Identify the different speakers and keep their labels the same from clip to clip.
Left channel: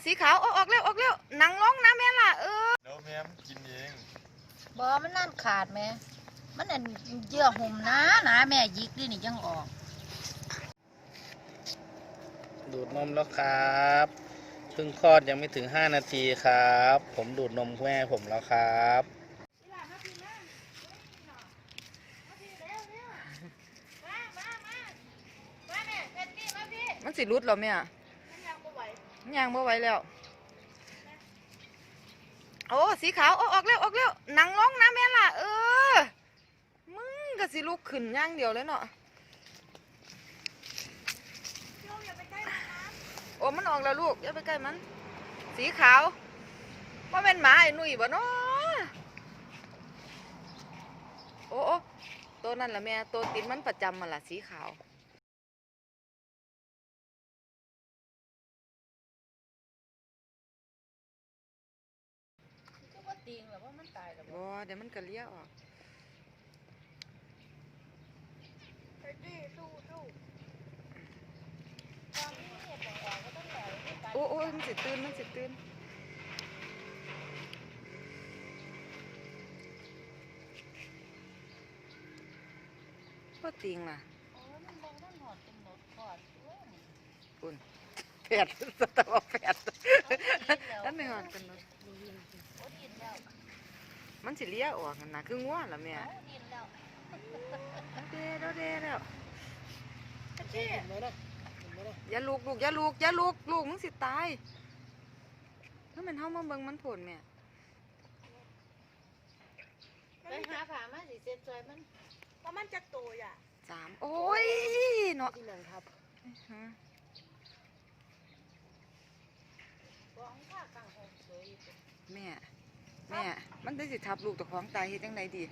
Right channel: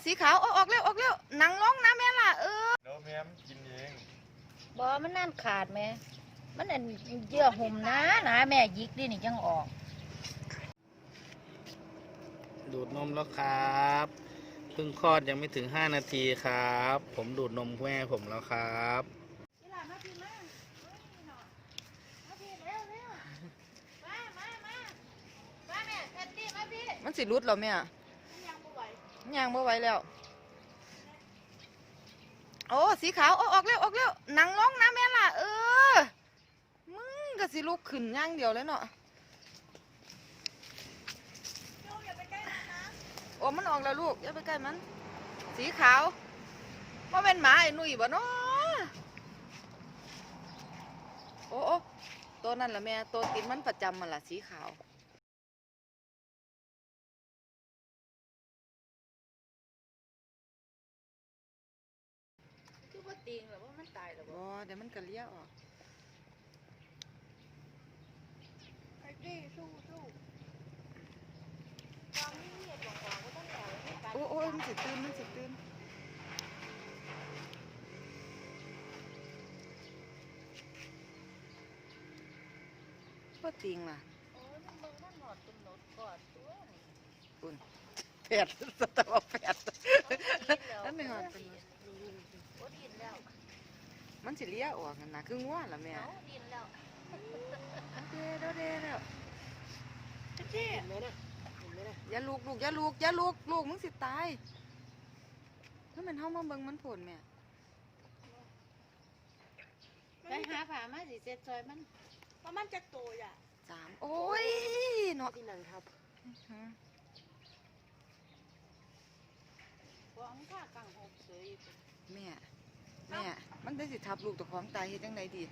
Speaker 1: สีขาวออกเร็วหนังร้องนะแม่ล่ะ
Speaker 2: แล้วแม่มกินเอง
Speaker 3: บอมันนั่นขาดไหมมันอันเยื่อห่มนะแม่ยิกดินี่ยังออก
Speaker 4: ดูดนมแล้วครับเพิ่งคลอดยังไม่ถึง5 นาทีครับผมดูดนมแม่ผมแล้วครับ
Speaker 1: มันสิรุดหรอแม่ยังบ่ไหวแล้วโอ้สีขาวออกเร็วหนังร้องนะแม่ล่ะมึงก็สิลุกขึ้นย่างเดียวเลยเนาะโอ้มันออกแล้วลูกอย่าไปใกล้มันสีขาวว่าเป็นหมาไอ้หนุ่ยบ่เนาะโอ้ตัวนั่นล่ะแม่ตัวติดมันประจำมันล่ะสีขาว
Speaker 3: ตีงแบบว่ามันตายแล้ว
Speaker 1: บ่เดี๋ยวมันก็เลี้ยออกโอ้มันสิตื่นพ่อติงล่ะอุ่นแผดสตอแผดนั่นไม่หอดเป็นรถมันสิเลี้ยออกนะคืองัวล่ะแม่เด้แล้วอย่าลูกมึงสิตายถ้ามันเฮามาเบิ่งมันผลแม่
Speaker 3: ไปหาผ่ามาสิเจ็บซอยมัน
Speaker 5: ว่ามันจะโตอ่ะ
Speaker 1: 3โอ้ยเนาะ
Speaker 5: ที่นั่นครับ
Speaker 1: แม่มันได้สิทับลูกตะของตายเฮ็ดจังไดดี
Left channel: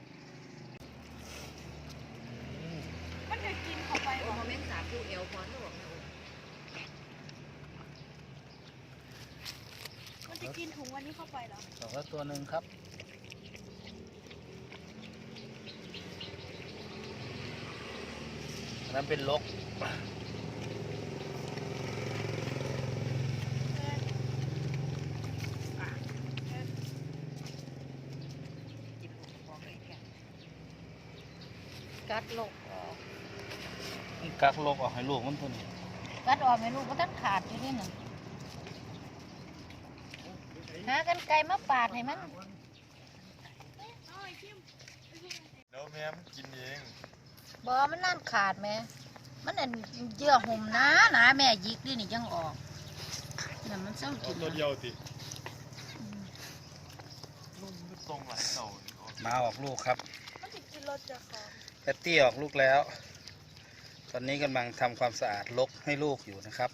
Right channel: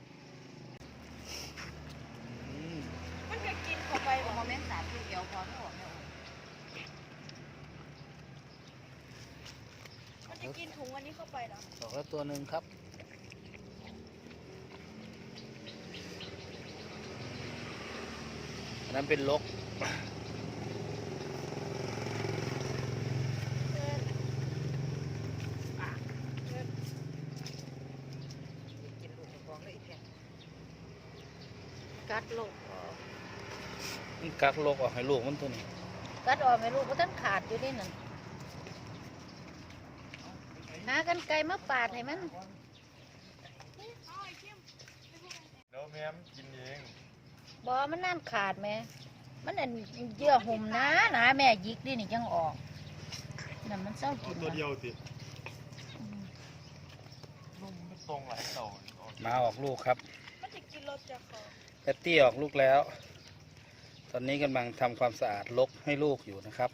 Speaker 5: มันจะกินเข้าไป
Speaker 1: โอ้แม่น3ลูกเดียวพอเนาะ
Speaker 5: มันจะกินถุงวันนี้เข้าไปเหรอ
Speaker 4: ต่อก็ตัวหนึ่งครับนั้นเป็นลก
Speaker 3: กัดลูก
Speaker 4: กักลกออกให้ลูกมันตัวนี้
Speaker 3: กัดออกให้ลูกก็ต้องขาดอยู่นี่น่ะหากันไกลมาปาดให้มัน
Speaker 2: แล้วแม่มกินเอง
Speaker 3: บอมันนั่นขาดไหมมันอันเยื่อห่มนะแม่ยิกดินี่ยังออกนั่นมันเศร้ากิน
Speaker 2: ตัวเดียวสินุ่มไม่ตรงอ่ะเต่า
Speaker 4: มาออกลูกครับ
Speaker 5: มันจะกินรสจะฟอง
Speaker 4: แพตตี้ออกลูกแล้วตอนนี้กำลังทำความสะอาดลกให้ลูกอยู่นะครับ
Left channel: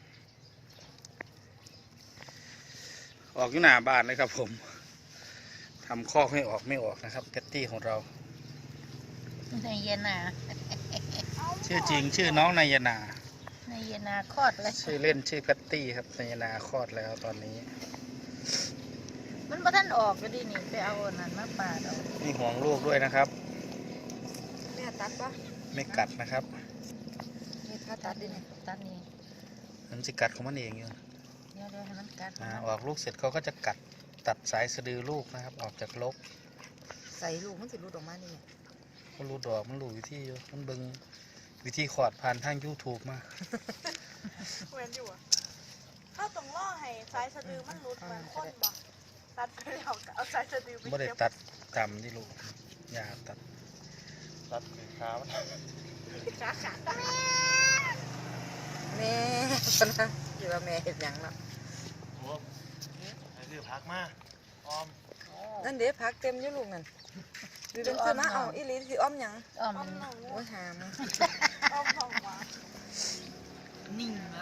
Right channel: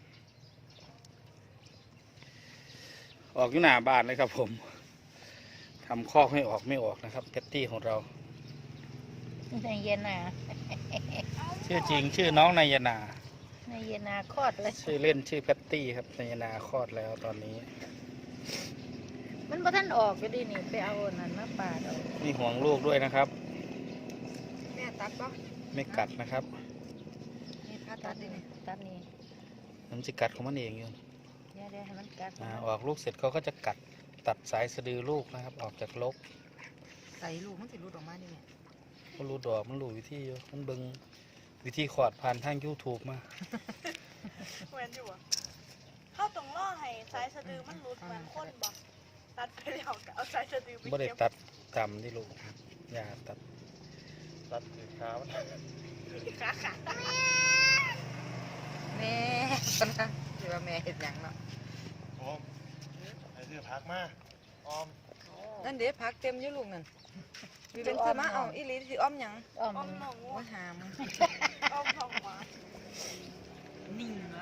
Speaker 4: ออกอยู่หน้าบ้านเลยครับผมทำคอกให้ออกไม่ออกนะครับแพตตี้ของเรา
Speaker 3: ในเย็นนา
Speaker 4: ชื่อจริงชื่อน้องนายนา
Speaker 3: ในเย็นนาคลอดเลย
Speaker 4: ชื่อเล่นชื่อแพตตี้ครับนายนาคลอดแล้วตอนนี้
Speaker 3: มันพอท่านออกก็ดีนี่ไปเอานั่นมาปาด
Speaker 4: นี่ห่วงลูกด้วยนะครับ
Speaker 1: แม่ตัดปะ
Speaker 4: ไม่กัดนะครับ
Speaker 3: นี่ตัดนี่ตัดนี่
Speaker 4: มันจะกัดของมันเองอยู่
Speaker 3: เดี๋ยวให้มันกัด
Speaker 4: ออกลูกเสร็จเขาก็จะกัดตัดสายสะดือลูกนะครับออกจากลก
Speaker 1: ใส่ลูกมันสิรูดออกมาดิ
Speaker 4: มันรูดอกมันรู้วิธีมันเบิ่งวิธีขอดผ่านทาง YouTube มา
Speaker 5: เหมือนอยู่อ่ะเข้าตรงล่อให้สายสะดือมันรุดเหมือนข้นบ่ตัดไปแล้วเอาสายสะดือไป
Speaker 4: ไม่ได้ตัดกำที่ลูกอย่าตัด
Speaker 2: คือขามัน
Speaker 5: ขา
Speaker 1: แม่นะอยู่ว่าแม่เห็นยังเนาะ
Speaker 2: โอ้ไอ้เรื่องพักมากออม
Speaker 1: นั่นเด็พักเต็มอยู่ลูกนั่นวิเป็นคือมาเอาอีลีสิอ้อมยัง
Speaker 3: อ้อม
Speaker 1: โอ้ยหาม
Speaker 5: อ้อมทองหวาน
Speaker 1: นิ่งแล้ว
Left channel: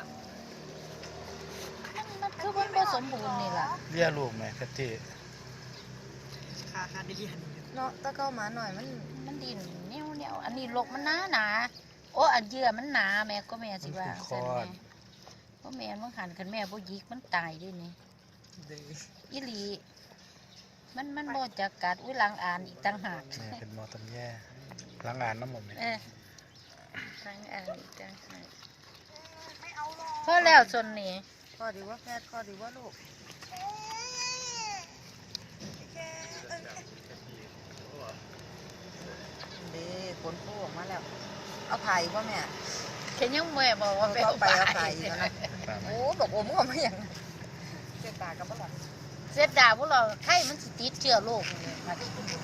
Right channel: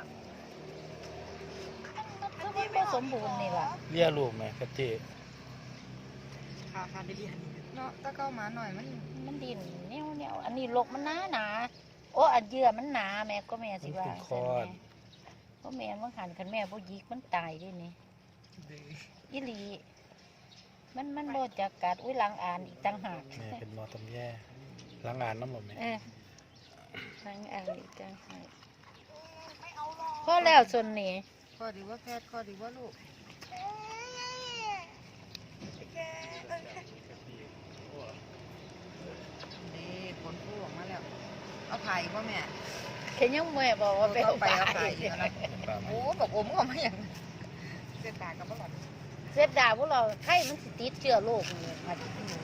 Speaker 3: มันคือมันผสมบูรณ์นี่แหละ
Speaker 4: เลี้ยลูกไหมกระเจี๊
Speaker 1: ขาดีเนาะตะเก้ามาหน่อย
Speaker 3: มันดินเนี่ยอันนี้ลกมันหนาโอ้อันเยื่อมันหนาแม่ก็แม่สิว่าใช่ไหมเพราะแม่มันหันกันแม่พวกยิกมันตายด้วยนี่อีหลีมันโบจะกัดล้างอ่านอีกต่างหาก
Speaker 4: เป็นมอตันแย่ล้างอ่านน้ำหมดไหม
Speaker 3: ล้างอ่านอีกต่างหากเพราะแล้วส่วนนี้
Speaker 1: พออดีว่าแพทย์ข้อดีว่าลูก นี่ผลโผล่ออกมาแล้ว เอาไข่ป่ะแม่
Speaker 3: แค่ยังแม่บอกว่าไปเอาไป
Speaker 1: เอาไข่ดีนะโอ้บอกโอ้มึงเอามาอย่างเส้นตากับบ้าน
Speaker 3: เสียดายพวกเราไข้มันสิติดเชื้อโรคนี่มาที่นี่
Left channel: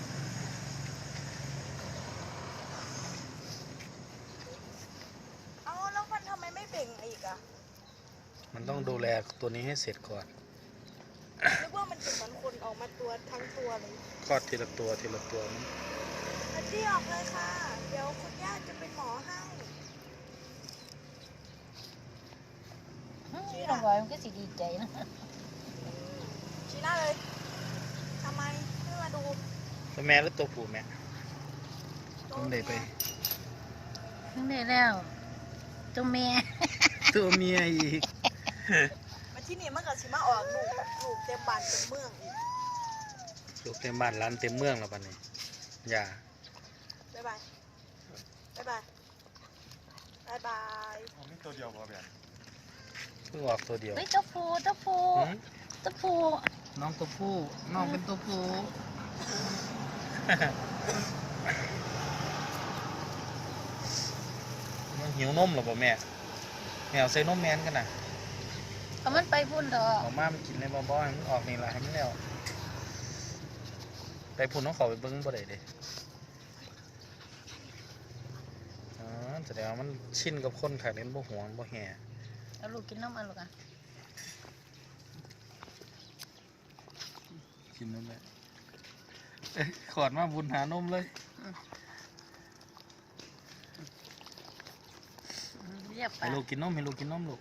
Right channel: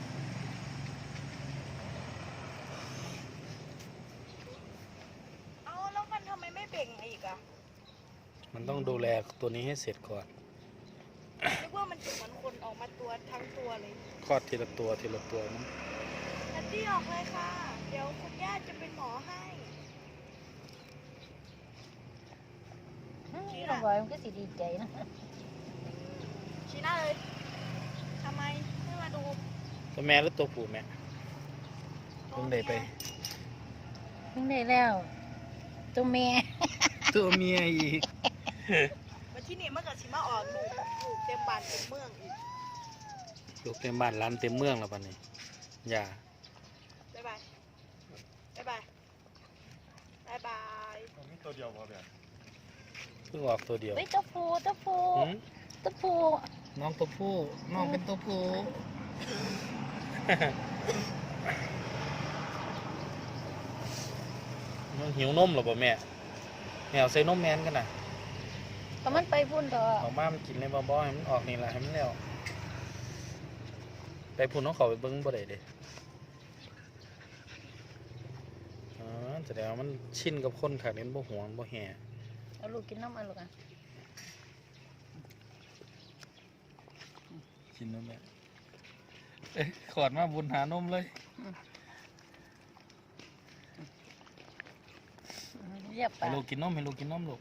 Speaker 5: เอาแล้วมันทำไมไม่เบ่งอีกอ่ะ
Speaker 4: มันต้องดูแลตัวนี้ให้เสร็จก่อน
Speaker 5: นึกว่ามันจะเหมือนคนออกมาตัวทั้งตัวเลย
Speaker 4: คลอดทีละตัวทีละตัวมั้ง
Speaker 5: อาที่ออกเลยค่ะ เดี๋ยวคุณย่าจะเป็นหมอให้
Speaker 3: น้องบอยมันก็สิดีใจนะ
Speaker 5: ชี้หน้าเลยทำไมไม่มาดู
Speaker 4: ตัวแม่หรือตัวผู้แม่ตัวไหนไป
Speaker 3: ถึงได้แล้วตัวแม่
Speaker 4: ตัวเมียอีก
Speaker 5: มาที่นี่มันก็ชิมาออกลูกเต็มบ้านเต็มเมืองอีก
Speaker 4: ลูกเต็มบ้านร้านเต็มเมืองแล้วปันนี้อย่า
Speaker 5: บ๊ายบายบ๊ายบายบ๊ายบาย
Speaker 2: มันไม่ตัวเดียวพอแบบ
Speaker 4: เพิ่งออกตัวเดียว
Speaker 3: เฮ้ยตัวผู้ตัวผู้
Speaker 4: หืม
Speaker 3: ตัวผู้
Speaker 4: น้องตัวผู้น้องเป็นตัวผู้ มันหิวนมหรอป่ะแม่แม่เอาใส่นมแมนกันนะ
Speaker 3: เอามันไปพุ่นเถอะ
Speaker 4: ออกมามันกินในบ่อให้มันออกนี่ละให้มันแล้วไปพุ่นน้องเขาไปเบิ้งบ่ได้เลยอ๋อแสดงว่ามันชินกับคนขายเล่นบ่หวงบ่แห่
Speaker 3: เอาลูกกินน้ำมันลูกอ่ะ
Speaker 4: กินนั่นแหละเอ้ยขอดมาบุญหานมเลย
Speaker 3: เรียบไป
Speaker 4: ให้ลูกกินนมให้ลูกกินนมลูก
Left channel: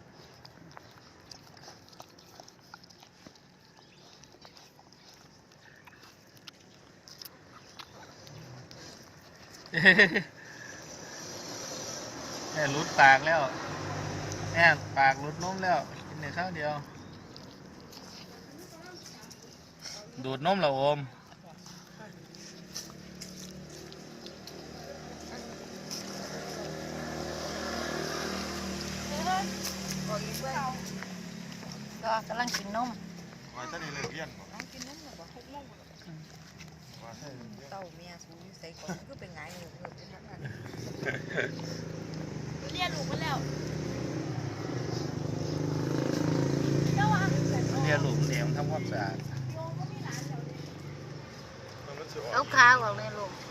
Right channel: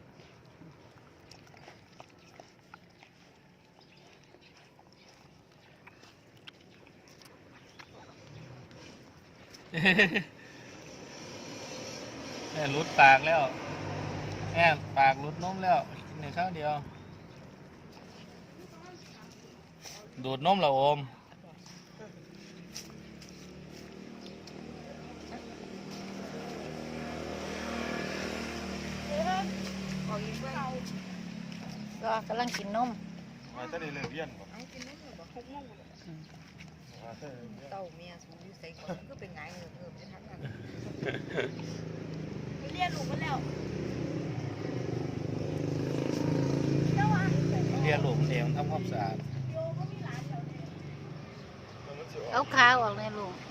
Speaker 4: แม่รุดปากแล้วแม่ปากรุดนมแล้วกินในข้าวเดียวดูดนมเหราโอม
Speaker 1: ออกอีกเว้ย
Speaker 3: ก็กำลังกินนม
Speaker 2: มาตอนนี้เลยเรียนบอก
Speaker 1: เอากินน้ำหน่อยบ่
Speaker 2: มาเท่านี้
Speaker 1: เต้าเมียสูงใส่ก่อนมันก็เป็นไงเงือบจะทั้งนั้น
Speaker 5: เรียนลูกไปแล้ว
Speaker 4: เรียนหลุมเดียวทำความสะอาด
Speaker 2: มันจะอ
Speaker 3: เอา
Speaker 2: อก
Speaker 3: ขาออกเลยลูก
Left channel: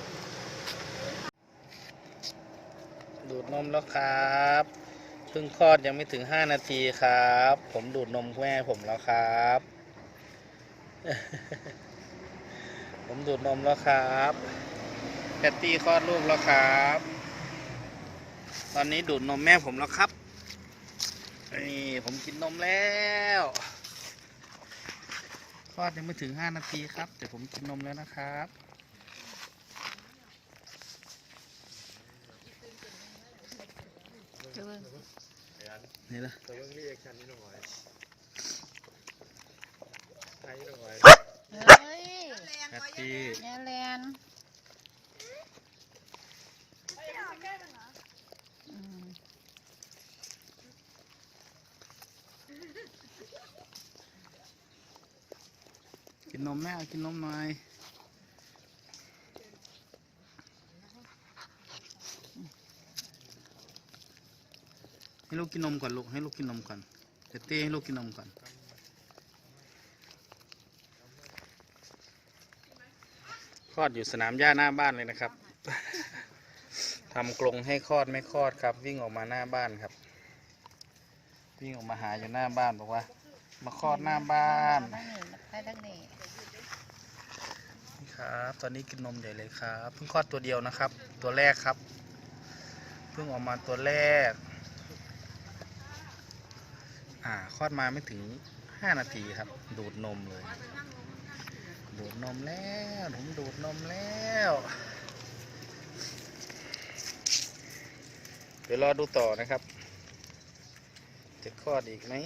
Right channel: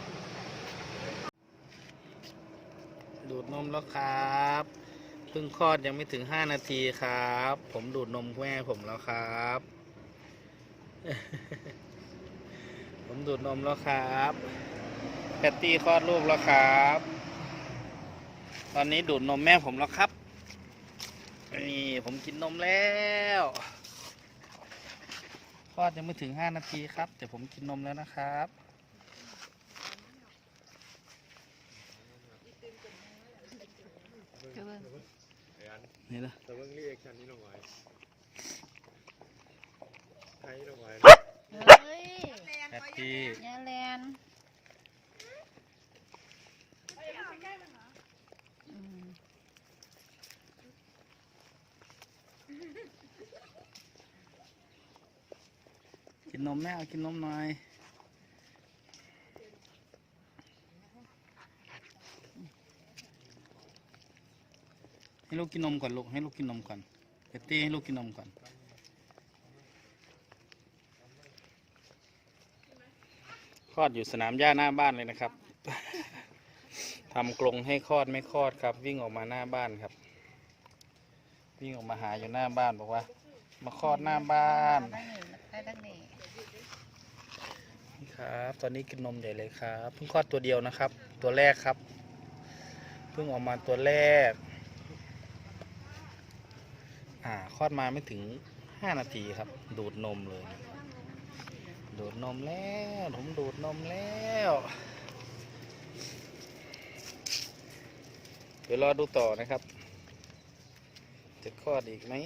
Speaker 4: ดูดนมแล้วครับเพิ่งคลอดยังไม่ถึง5 นาทีครับ ผมดูดนมแม่ผมแล้วครับ ผมดูดนมแล้วครับแพตตี้คลอดลูกแล้วครับ ตอนนี้ดูดนมแม่ผมแล้วครับนี่ผมกินนมแล้วคลอดยังไม่ถึง5 นาทีครับ แต่ผมกินนมแล้วนะครับ นี่ละ
Speaker 2: แต่ว่าเรียกชันนี่หน่อยไทยหน่อย
Speaker 3: เฮ้ย
Speaker 4: แพตตี้
Speaker 3: ยาแลนอืม
Speaker 4: กินนมแม่เอากินนมหน่อยให้ลูกกินนมก่อนลูกให้ลูกกินนมก่อนแพตตี้ให้ลูกกินนมก่อนคลอดอยู่สนามหญ้าหน้าบ้านเลยนะครับ ทำกรงให้คลอดไม่คลอดครับ วิ่งออกมาหน้าบ้านครับ วิ่งออกมาหาอยู่หน้าบ้านบอกว่า มาคลอดหน้าบ้าน
Speaker 3: มานี่ไปทางนี้
Speaker 4: ครับ ตอนนี้กินนมใหญ่เลยครับเพิ่งคลอดตัวเดียวนะครับ ตัวแรกครับเพิ่งออกมาตัวแรกคลอดมาไม่ถึง5 นาทีครับ ดูดนมเลย ดูดนมแล้วผมดูดนมแล้วเดี๋ยวรอดูต่อนะครับจะคลอดอีกไหม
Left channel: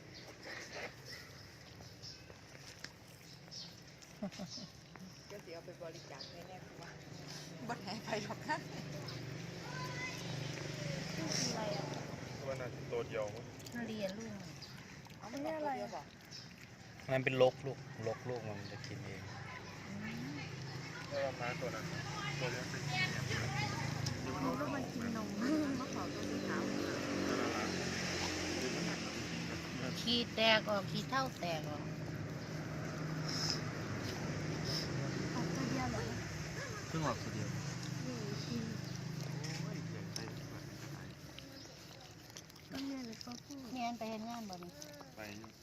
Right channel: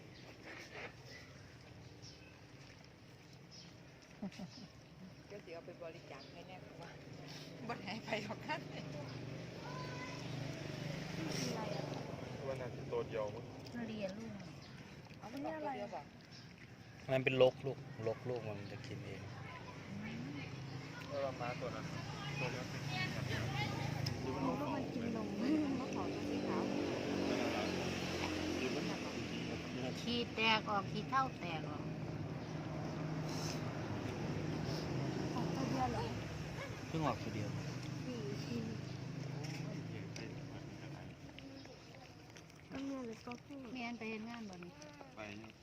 Speaker 1: ก็เดี๋ยวไปบริจาคให้แน่ว่าบ่ให้ไปหรอกนะ
Speaker 2: ว่าน่าจะตัวเดียวมั้ง
Speaker 3: เรียนลูก
Speaker 5: นี่อะไร
Speaker 4: มันเป็นลกลูกมันจะกินเอง
Speaker 2: แล้วว่าม้าตัวนั้นตัวนี้เป็นอย่างนี้หรือมันต้องของกินนม
Speaker 3: ขี้แตกออกขี้เท่าแตกออก
Speaker 4: เพิ่งออกตัวเดียว
Speaker 3: แม่นไปเฮ็ดงานบ่นี่
Speaker 2: ไป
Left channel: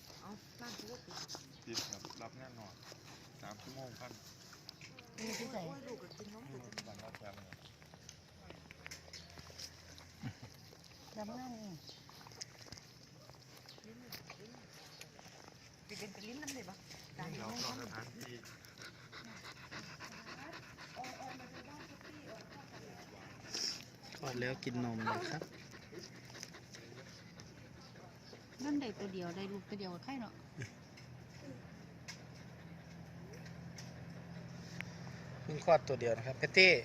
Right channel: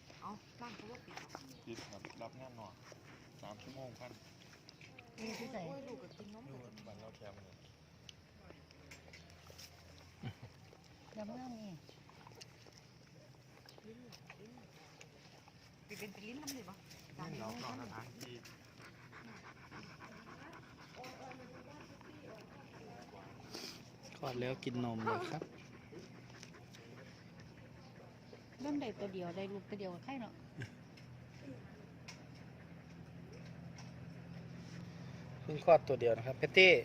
Speaker 2: ติดแบบรับงานหน่อย3 ชั่วโมงพัน
Speaker 3: อยู่ที่ไหน
Speaker 2: อยู่บ้านเราแคมป์เลย
Speaker 3: ทำงานนี่
Speaker 5: เป็นลิ้นน้ำเลยปะ
Speaker 2: เราทำงานที่
Speaker 4: คลอดแล้วกินนมเลยครับ
Speaker 3: เล่นได้ตัวเดียวได้ลูกตัวเดียวกับใครเนาะ
Speaker 4: เพิ่งคลอดตัวเดียวนะครับเพตตี้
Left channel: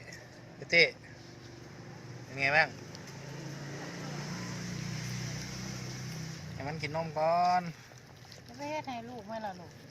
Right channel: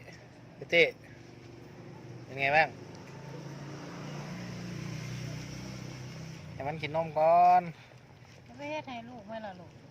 Speaker 4: เป็นไงบ้างให้มันกินนมก่อน
Speaker 3: ไปเฮ็ดให้ลูกไหมล่ะลูก